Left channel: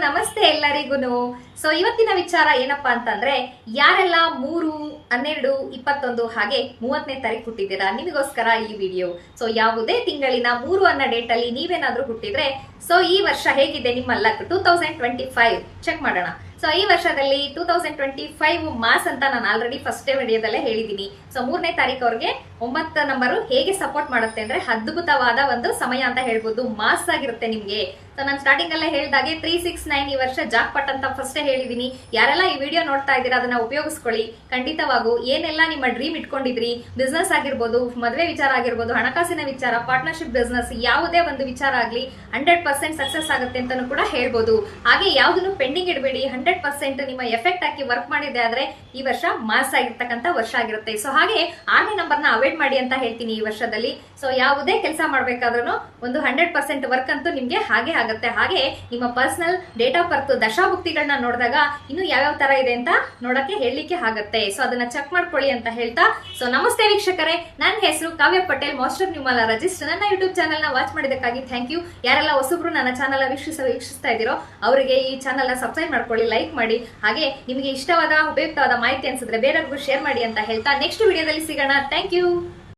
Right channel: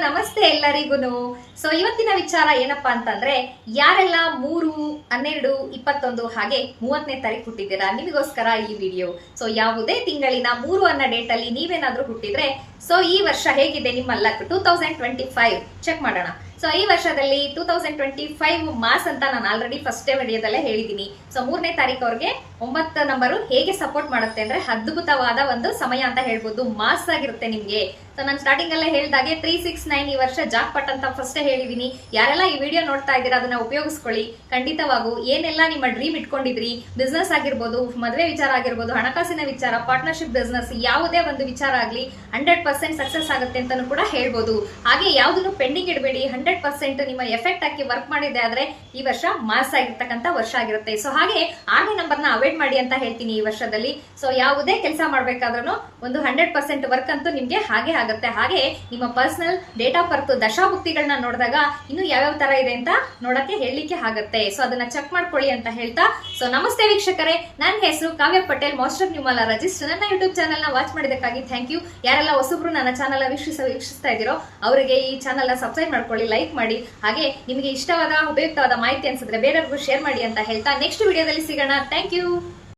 ನಮಸ್ತೆ ಎಲ್ಲರಿಗೂ ಸೊ ಇವತ್ತಿನ ವಿಚಾರ ಏನಪ್ಪಾ ಅಂತಂದ್ರೆ, ಯಾರೆಲ್ಲ ಮೂರು, ಹನ್ನೆರಡು, ಇಪ್ಪತ್ತೊಂದು ಹಾಗೆ ಮೂವತ್ತನೇ ತಾರೀಕು ಹುಟ್ಟಿದ್ದೀರಾ ನಿಮಗೋಸ್ಕರ ಈ ವಿಡಿಯೋ. ಸೊ ಯಾವುದೇ ತಿಂಗಳಿನ ಮೂರು ಅನ್ನ ಡೇಟ್ ಅಲ್ಲಿ ನೀವೇನಾದ್ರೂ ಹುಟ್ಟಿದ್ರೆ ಸೊ ಈ ವರ್ಷ ಹೇಗಿದೆ ನಿಮ್ಮ ಲಕ್? ಟೂ ಚೆಕ್ ಮಾಡೋಣ. ಸೊ ಈ ವರ್ಷದಲ್ಲಿ two thousand twenty five mass ಅಂತ ನಾನು ಆಲ್ರೆಡಿ ಫಸ್ಟ್ ವಿಡಿಯೋದಲ್ಲೇ ಹೇಳಿದ್ದೀನಿ. ಸೊ ಮೂರನೇ ತಾರೀಕು ಅವ್ರಿಗೆ ಒಂಬತ್ತು ನಂಬರು ಹೇಗೆ ಸಪೋರ್ಟ್ ಮಾಡುತ್ತೆ ಅಂದ್ರೆ ಅದ್ಭುತವಾದ ಒಂದು ಸಮಯ ಅಂತ ಹೇಳ್ಬೋದು. ಮಾಸ್ ಆಗಿರುತ್ತೆ ನಿಮ್ಗೆ. ಸೊ ನಾನು ಸ್ಟಾರ್ಟಿಂಗ್ ಅಲ್ಲೇ ಹೇಳಿದಾಗೆ ತ್ರೀ ಸಿಕ್ಸ್ ನೈನ್ ಈ ವರ್ಷ ಜಾಕ್ ಪಟ್ ಅಂತ ಫಸ್ಟ್ ಹೇಳಿದೀನಿ ಯಾರೆಲ್ಲ ಈ ವಿಡಿಯೋ ನೋಡ್ತಾ ಇದ್ದೀರಾ, ಅದನ್ನ ಉಪಯೋಗಿಸ್ಕೊಳ್ಳಿ. ಖಂಡಿತವಾಗೂ ಏನೆಲ್ಲ ನಿಮ್ಮ ಡ್ರೀಮ್ ಇಟ್ಕೊಂಡಿದ್ರಿ ಬಿಸ್ನೆಸ್ ಆಗಿರ್ಬೋದು, ಮದುವೆ ವಿಚಾರ ಆಗಿರ್ಬೋದು, ಹಣಕಾಸಿನ ವಿಚಾರ ಪಾರ್ಟ್ನರ್ಶಿಪ್ ಬಿಸ್ನೆಸ್ ಯಾವುದೇ ಒಂದು ವಿಚಾರ ಆಗಲಿ ಹಂಡ್ರೆಡ್ ಪರ್ಸೆಂಟ್ ಸಕ್ಸಸ್ ಆಗುತ್ತೆ ಅಂತಾನು ಕೂಡ ಹೇಳ್ಬೋದು. ಹಾಗೆ ಯಾವ್ದನ್ನು ಪೆಂಡಿಂಗ್ ಇಡಬೇಡಿ ಹಂಡ್ರೆಡ್ ಪರ್ಸೆಂಟ್ ನಿಮ್ಮ ಎಫೆಕ್ಟ್ ಹಾಕಿ ವರ್ಕ್ ಮಾಡಿದೆ ಆದ್ರೆ ಈ ವರ್ಷ ಮಾಸ್ ಆಗಿರ್ತಕ್ಕಂಥ ವರ್ಷ ಆಗಿರುತ್ತೆ. ಸೊ ಹಾಗೆ ಆರನೇ ನಂಬರ್ನ ಅವಾಯ್ಡ್ ಮಾಡಿ ಅಂತ ಹೇಳ್ತೀನಿ ಈ ವರ್ಷದಲ್ಲಿ. ಸೊ ಯಾವುದೇ ಕೆಲಸ ಮಾಡ್ಬೇಕಾದ್ರೂ ಒಂದು ಹಂಡ್ರೆಡ್ ಪರ್ಸೆಂಟ್ ವರ್ಕ್ ಅಂತೂ ನಿಮ್ಗೆ ಹಾಗೆ ಆಗುತ್ತೆ. ಹಾಗೆ ನಿಮ್ಮ ಪರ್ಸನಲ್ ಡೇಟ್ ಆಫ್ ಬರ್ತ್ ದಶಾಭುಕ್ತಿಗಳನ್ನ ನೋಡಿದಾಗ ಇನ್ನು ಯಾವ್ಯಾವ ತರ ಇದೆ ಅಂತ ನೋಡಕ್ಕೆ ಹೇಳಲಿಕ್ಕೆ ಆಗುತ್ತೆ. ಸೊ ಅದನ್ನ ಚೆಕ್ ಮಾಡ್ಕೊಳ್ಳಿ ಅಂತ ಹೇಳ್ತಾ. ಸೊ ನಮಸ್ತೆ ವೀಕ್ಷಕರೇ. ನನ್ನ ಹೆಸರು ಕಾವ್ಯ ಪಟೇಲ್, ಮಾಸ್ಟರ್ ನಿಮ್ಮಲ್ಲ ರಜಿಸ್ಟರ್ ನನ್ನ ಯೂಟ್ಯೂಬ್ ಚಾನಲ್ನ ವಾಚ್ ಮಾಡಿದಕ್ಕಾಗಿ ಥ್ಯಾಂಕ್ ಯು ಯಾರೆಲ್ಲ ಹೊಸಬ್ರು ನನ್ನ ಚಾನಲ್ ವೀಕ್ಷಿಸ ವೀಕ್ಷಿಸ್ತಾ ಇದ್ದೀರೋ ಅವರಿಗೆ ಈ ಚಾನಲ್ನ ಸಬ್ಸ್ಕ್ರೈಬ್ ಮಾಡ್ಕೊಳ್ಳಿ ಲೈಕ್ ಮಾಡಿ. ಹಾಗೆ ನಿಮಗೆ ಇಷ್ಟವಾದ, ಉಪಯುಕ್ತವಾದ ಮಾಹಿತಿ ಅನ್ಸಿದ್ರೆ ಬೇರೆಯವ್ರಿಗೂ ಶೇರ್ ಮಾಡಿ ಅಂತ ಹೇಳ್ತಾ ನೆಕ್ಸ್ಟ್ ವಿಡಿಯೋದಲ್ಲಿ ಸಿಗೋಣ. Thank you